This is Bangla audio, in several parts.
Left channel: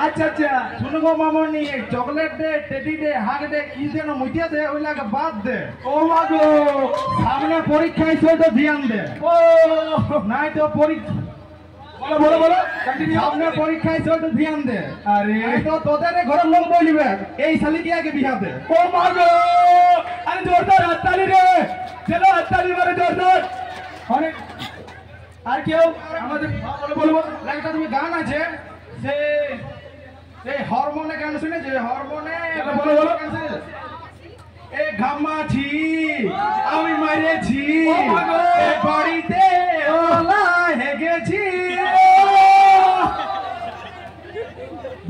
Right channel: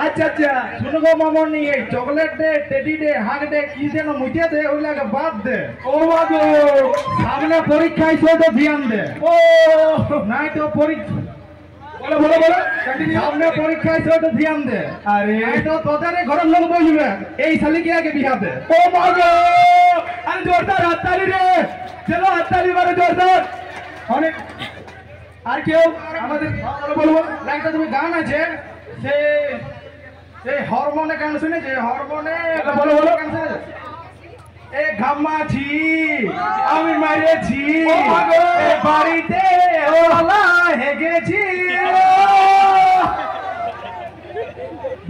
अच्छा अच्छा सुनो गो मामन ये चॉकलेट दे टेडी दे हार्ट दे की देन मुझे दे ओला के बाद दे ओ बाबू सामने परीक्षा से तो ध्यान दे ओ नहीं तो परीक्षा बोलो बोलो बोलो सामने परीक्षा से तो ध्यान दे अरे नहीं तो तोদের ঘরের লোক বলবে এই শালি কি আগে বিয়া দে ও বাবু আরে জোরদার হাততালি রে চলো হাততালি মারো জোরদার অনেক আর কেউ আমাদের বলবো একটা তুমি গান আছে সে এই হরমোনে গান শুনেছে হরমোনে বলো বলো গান শুনেছে এ গাম্মাছি আমি মাইরেছি এ বাড়িতে ওলা হেগেছি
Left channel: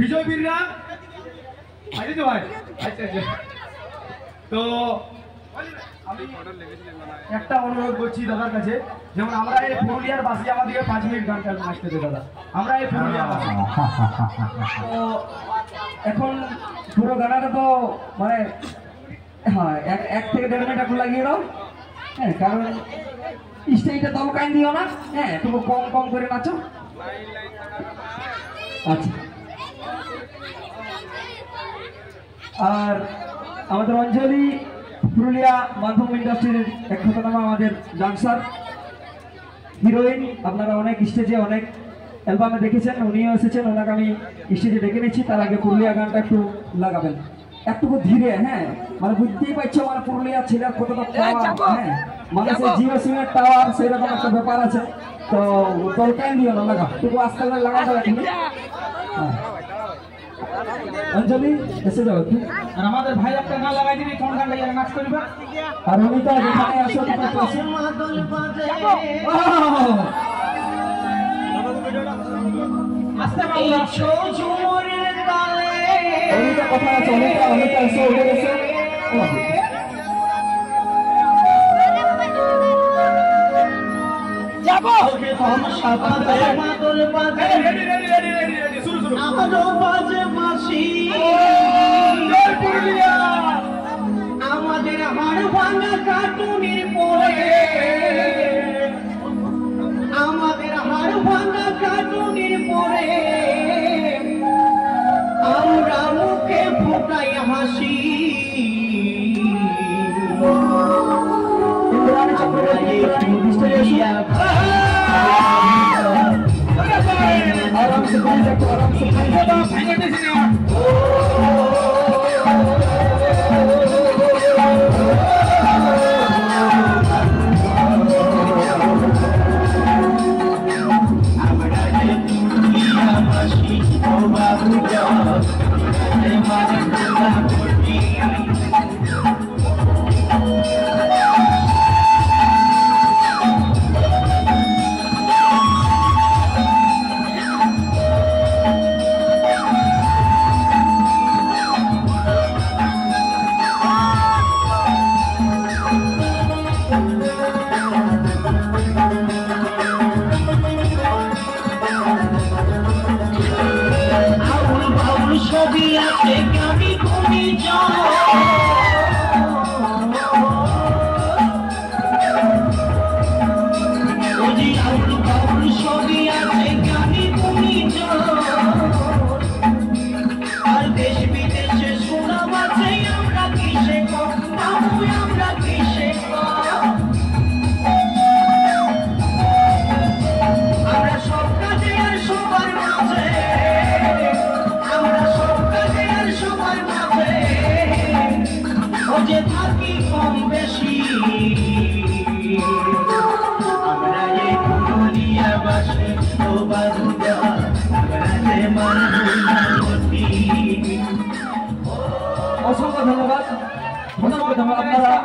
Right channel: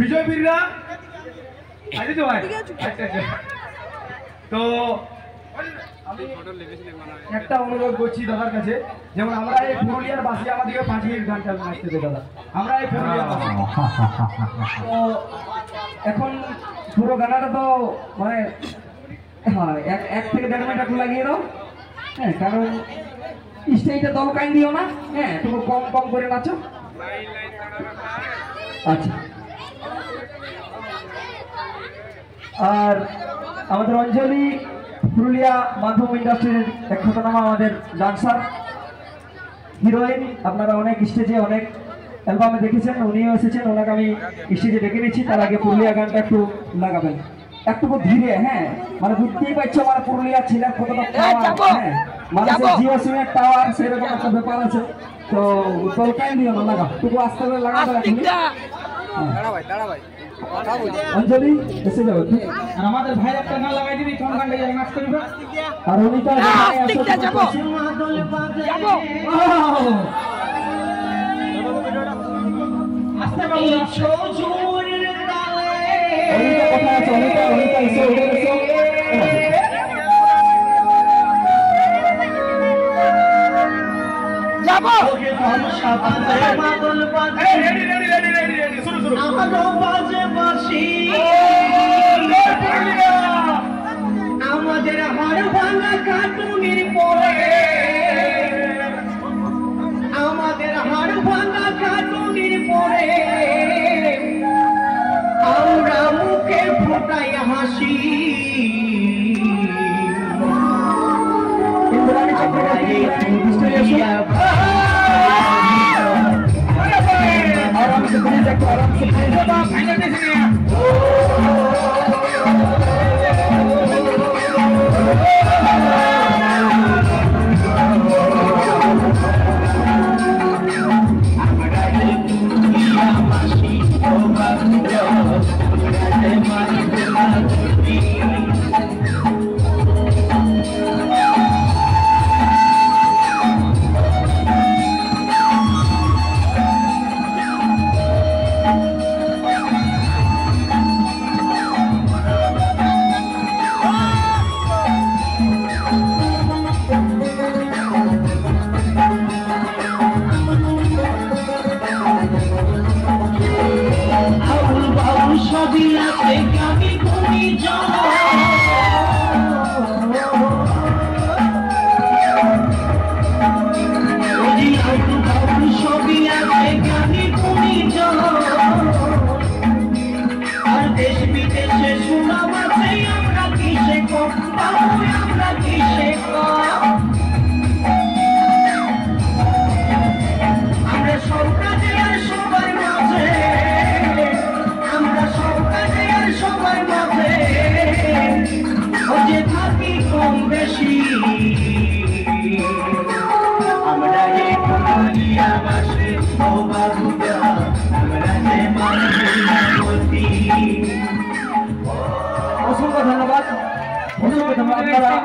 বিজয় বীররা আছে তো ভাই আচ্ছা আচ্ছা তো একটা অনুরোধ করছি দাদার কাছে যেমন আমরা এই পুরুলিয়ার বাসী আমাদেরকে 5 মিনিট গান নাচতে দেবে দাদা আমরা এই পুরুলিয়ার বাসী তো এখন পুরো গানটা তো মানে হ্যাঁ এক থেকে 1.5 মিনিট এখন লাগিয়ে দাও হ্যাঁ কারণ স্টেজে দমকাই দিও না হ্যাঁ তুমি কম কম করে নাচো আচ্ছা আর আমাদের অঞ্জলি পুরুলিয়া মাধ্যম ইন্ডাস্ট্রির এক খ্যাতনামা আমাদের ডান্সার হিরোইন আপনারা অনেক স্টেজে অনেক অ্যালবামে দেখেছেন উনিও এসেছেন ওনাকে আমি স্টেজে ডেকে নিচ্ছি তার আগে পুরুলিয়া গানটা একটু লাগাবেন একটু ধীরে হ্যাঁ মানে বুঝতেই পারছো আমার পুরুলিয়া ছেলের কতটা হ্যাঁ মানুষের জিও সিমের টাওয়ার সেরকম একটা ব্যাপার আছে তো কলকাই দিও না লাগা একটু আস্তে করে লাগাতে লাগবে অঞ্জলি এসে যাও আর আমাদের ভাই আপনার গান লাগাই দিবি কোন গানটা ইয়ার নাচ করবে আর অনিতা যেখানে আসো আস্তে বলো ছোজুরের তালে অনিতা কথা আছে অনিতা এসে উঠে এসে যাবো ওকে हम সাপাতে মাদল বাজে রেডি শুরু আমারও বাজে বাঁশি আমাদের হাড় ভাঙা কাটুনির পরে আমাদের হাড় ভাঙা কাটুনির পরে আমরা মুখে ফোটাই হাসি ইন্দ্রাণী চক্রবর্তী आराम से आराम से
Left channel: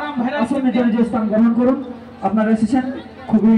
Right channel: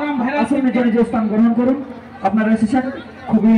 আপনারা আসেন গ্রহণ করুন আপনারা এসেছেন খুবই